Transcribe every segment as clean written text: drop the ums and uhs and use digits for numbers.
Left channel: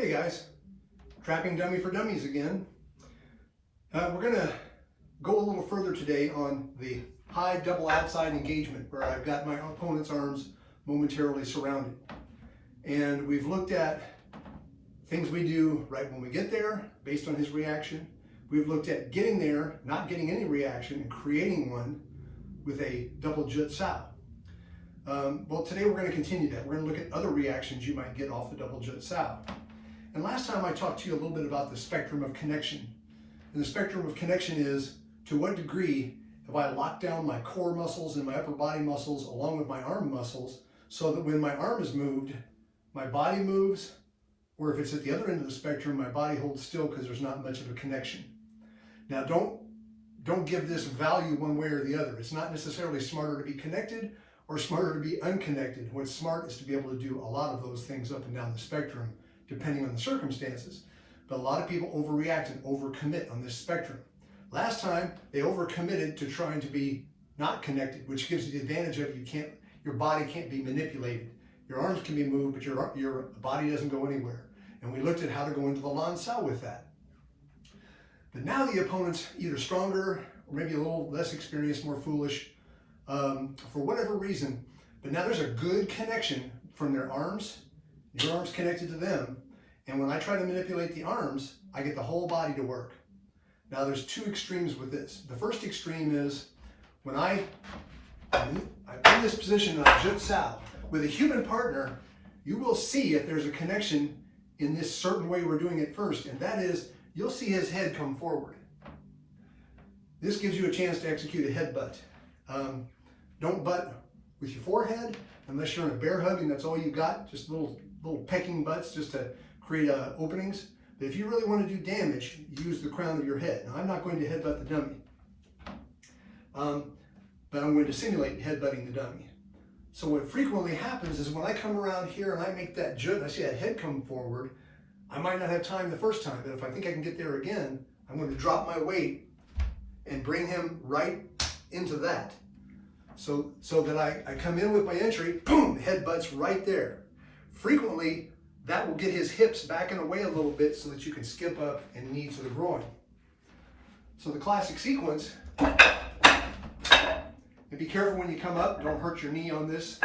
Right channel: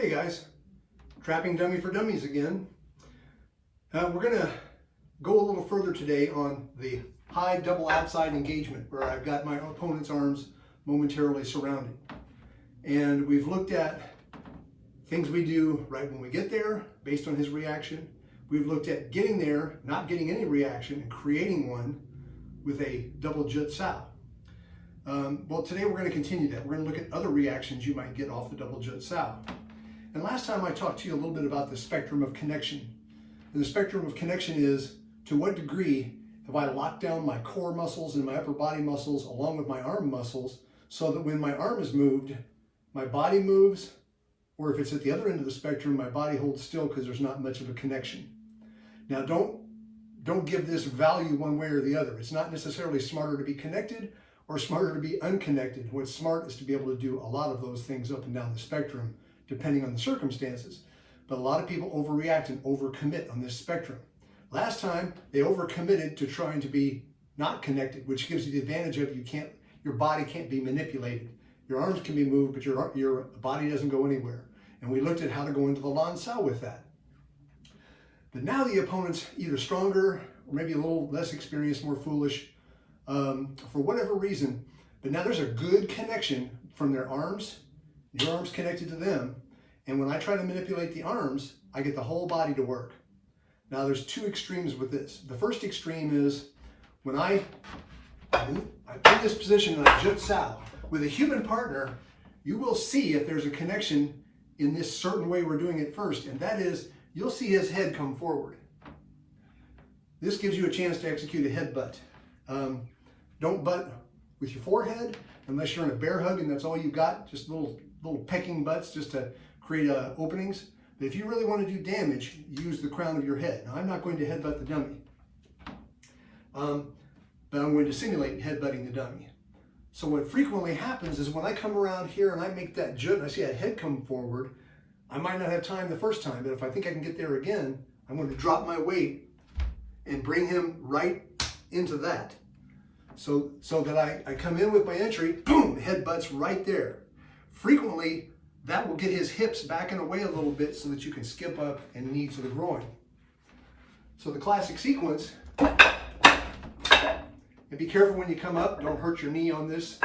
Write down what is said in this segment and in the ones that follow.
Hey guys, trapping dummy for dummies again. We're going to go a little further today on the high double outside engagement where I've got my opponent's arms momentarily surrounded. And we've looked at things we do right when we get there based on his reaction. We've looked at getting there, not getting any reaction, and creating one with a double Jut Sao. Well, today we're going to continue that. We're going to look at other reactions you might get off the double Jut Sao. And last time I talked to you a little bit about the spectrum of connection. And the spectrum of connection is, to what degree have I locked down my core muscles and my upper body muscles along with my arm muscles so that when my arm is moved, my body moves, or if it's at the other end of the spectrum, my body holds still because there's not much of a connection. Now don't give this value one way or the other. It's not necessarily smarter to be connected or smarter to be unconnected. What's smart is to be able to do a lot of those things up and down the spectrum, depending on the circumstances. But a lot of people overreact and overcommit on this spectrum. Last time, they overcommitted to trying to be not connected, which gives you the advantage of your body can't be manipulated. Your arms can be moved, but your body doesn't go anywhere. And we looked at how to go into the Lan Sao with that. But now the opponent's either stronger or maybe a little less experienced, more foolish, for whatever reason. But now there's a good connection from their arms, your arms connected to them. And when I try to manipulate the arms, I get the whole body to work. Now there's two extremes with this. The first extreme is when I'm in this position of Jut Sao. With a human partner, you will see if there's a connection in this certain way we're doing it first, and that is, you'll see his head come forward. This gives you a chance to execute a headbutt. Don't butt with your forehead unless you're in a bear hug and that's all you got, just little pecking butts just to create openings. But if you really want to do damage, use the crown of your head. Now, I'm not going to headbutt the dummy, but I'm going to simulate headbutting the dummy. So what frequently happens is when I come around here and I make that jut and I see that head come forward, I might not have time the first time, but if I think I can get there again, I'm going to drop my weight and bring him right into that. So that I come in with my entry, boom, headbutts right there. Frequently, that will get his hips back and away a little bit so that you can skip up and knee to the groin. So the classic sequence, and be careful when you come up, don't hurt your knee on this.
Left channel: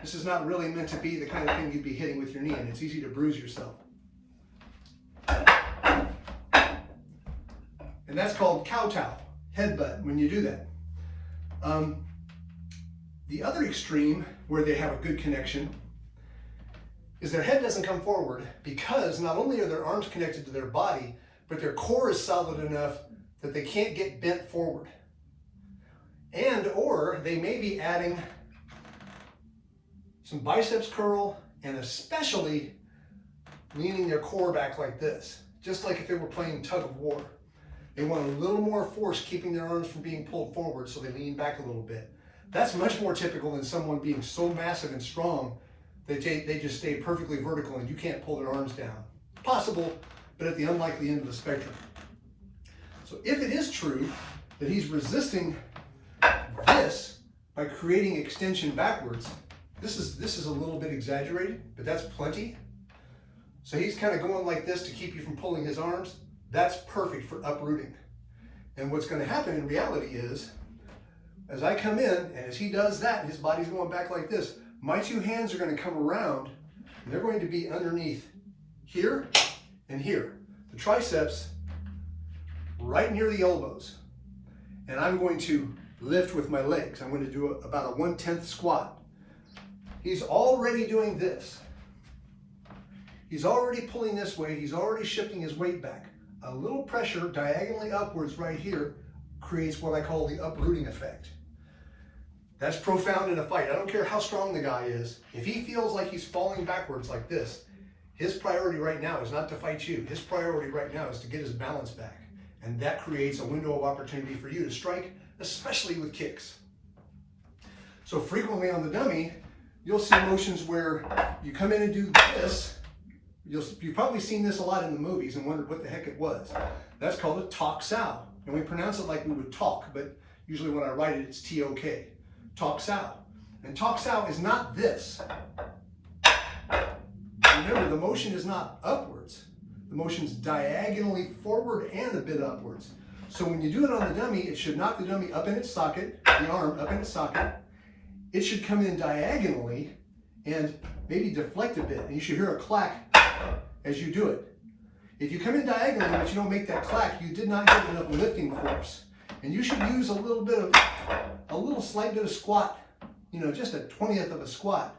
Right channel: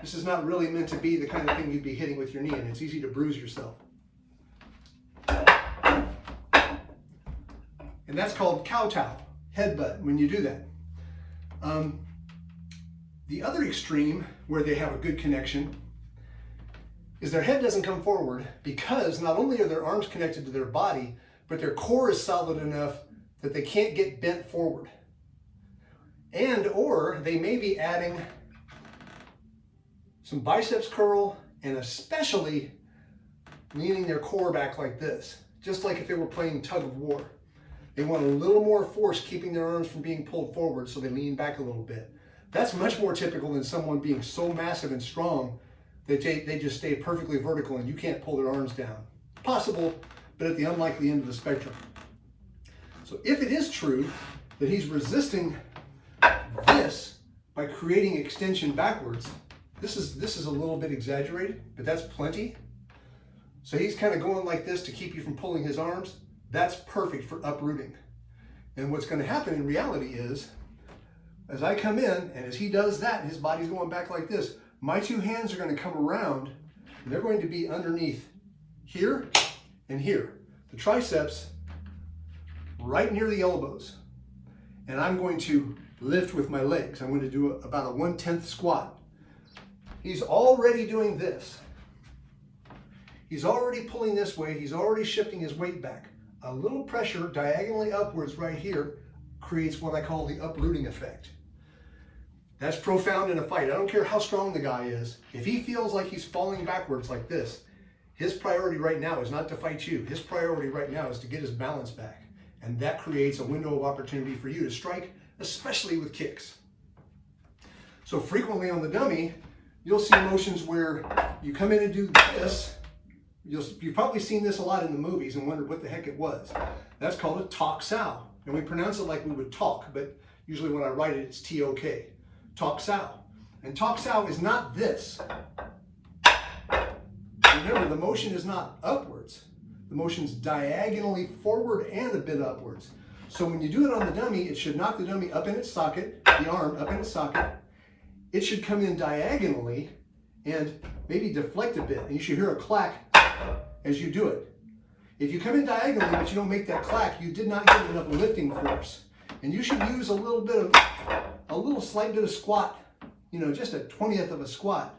This is not really meant to be the kind of thing you'd be hitting with your knee, and it's easy to bruise yourself. And that's called kowtow, headbutt, when you do that. The other extreme, where they have a good connection, is their head doesn't come forward because not only are their arms connected to their body, but their core is solid enough that they can't get bent forward. Or they may be adding some biceps curl and especially leaning their core back like this, just like if they were playing tug of war. They want a little more force keeping their arms from being pulled forward, so they lean back a little bit. That's much more typical than someone being so massive and strong that they just stay perfectly vertical and you can't pull their arms down. Possible, but at the unlikely end of the spectrum. So if it is true that he's resisting this by creating extension backwards, this is a little bit exaggerated, but that's plenty. So he's kind of going like this to keep you from pulling his arms. That's perfect for uprooting. And what's going to happen in reality is, as I come in, and as he does that, his body's going back like this, my two hands are going to come around, and they're going to be underneath here and here. The triceps right near the elbows. And I'm going to lift with my legs. I'm going to do about a 1/10 squat. He's already doing this. He's already pulling this weight. He's already shifting his weight back. A little pressure diagonally upwards right here creates what I call the uprooting effect. That's profound in a fight. I don't care how strong the guy is. If he feels like he's falling backwards like this, his priority right now is not to fight you. His priority right now is to get his balance back. And that creates a window of opportunity for you to strike, especially with kicks. So frequently on the dummy, you'll see motions where you come in and do this. You've probably seen this a lot in the movies and wondered what the heck it was. That's called a Tok Sao. And we pronounce it like we would talk, but usually when I write it, it's T-O-K. Tok Sao. And Tok Sao is not this. Remember, the motion is not upwards. the motion's diagonally forward and a bit upwards. So when you do it on the dummy, it should knock the dummy up in its socket, the arm up in its socket. It should come in diagonally and maybe deflect a bit, and you should hear a clack as you do it. If you come in diagonally but you don't make that clack, you did not get enough lifting force. And you should use a slight bit of squat, you know, just a 20th of a squat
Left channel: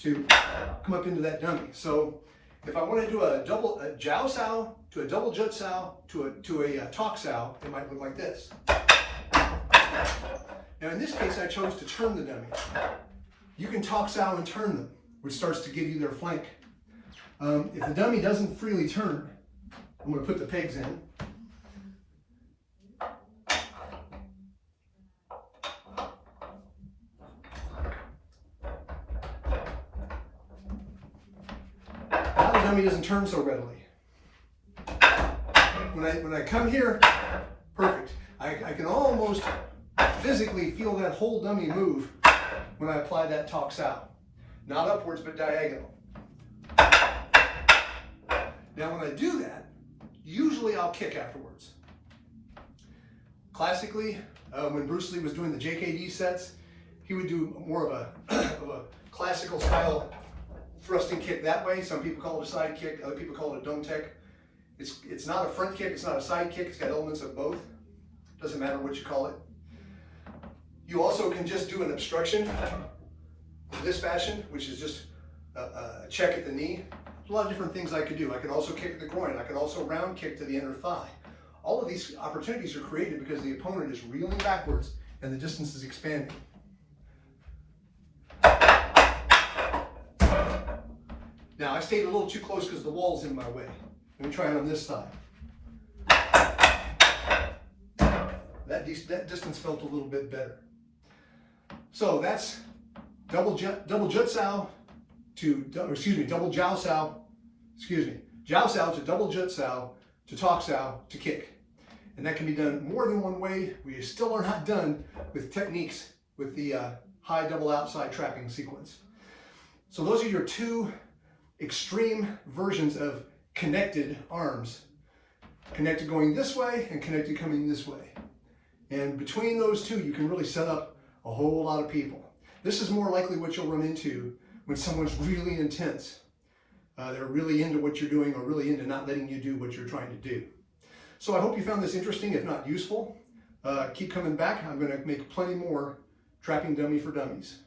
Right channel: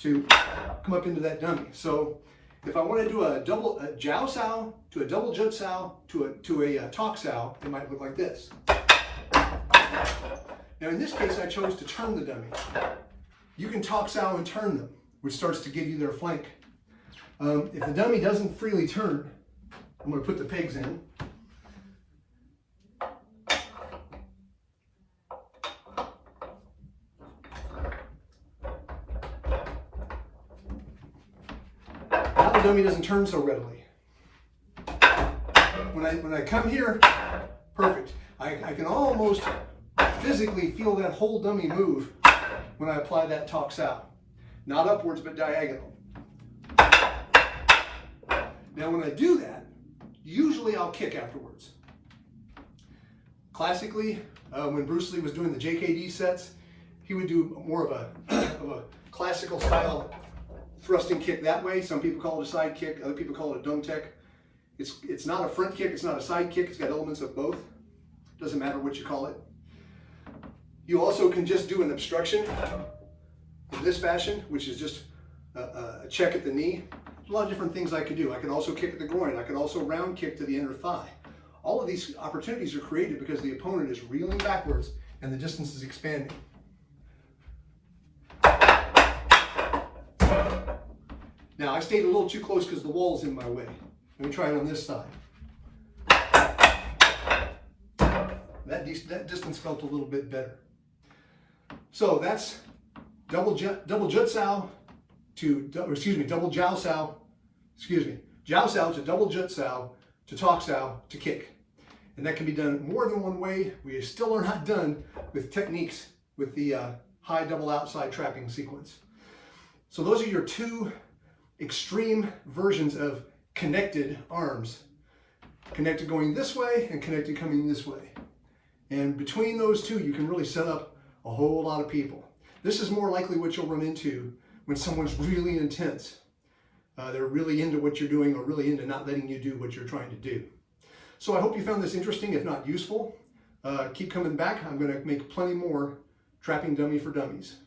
to come up into that dummy. So if I want to do a Jiao Sao to a double Jut Sao to a Tok Sao, it might look like this. Now in this case, I chose to turn the dummy. You can Tok Sao and turn them, which starts to give you their flank. If the dummy doesn't freely turn, I'm going to put the pegs in. Now the dummy doesn't turn so readily. When I come here, perfect. I can almost physically feel that whole dummy move when I apply that Tok Sao. Not upwards, but diagonal. Now when I do that, usually I'll kick afterwards. Classically, when Bruce Lee was doing the JKD sets, he would do more of a classical style thrusting kick that way. Some people call it a side kick, other people call it a dome tech. It's not a front kick, it's not a side kick, it's got elements of both. Doesn't matter what you call it. You also can just do an obstruction in this fashion, which is just a check at the knee. There's a lot of different things I could do. I could also kick at the groin. I could also round kick to the inner thigh. All of these opportunities are created because the opponent is reeling backwards and the distance is expanding. Now I stayed a little too close because the wall's in my way. Let me try it on this side. That distance felt a little bit better. So that's double Jut Sao to, double Jiao Sao, Jiao Sao to double Jut Sao to Tok Sao to kick. And that can be done more than one way. We still are not done with techniques with the high double outside trapping sequence. So those are your two extreme versions of connected arms. Connected going this way and connected coming this way. And between those two, you can really set up a whole lot of people. This is more likely what you'll run into when someone's really intense. They're really into what you're doing or really into not letting you do what you're trying to do. So I hope you found this interesting, if not useful. Keep coming back. I'm going to make plenty more Trapping Dummy for Dummies.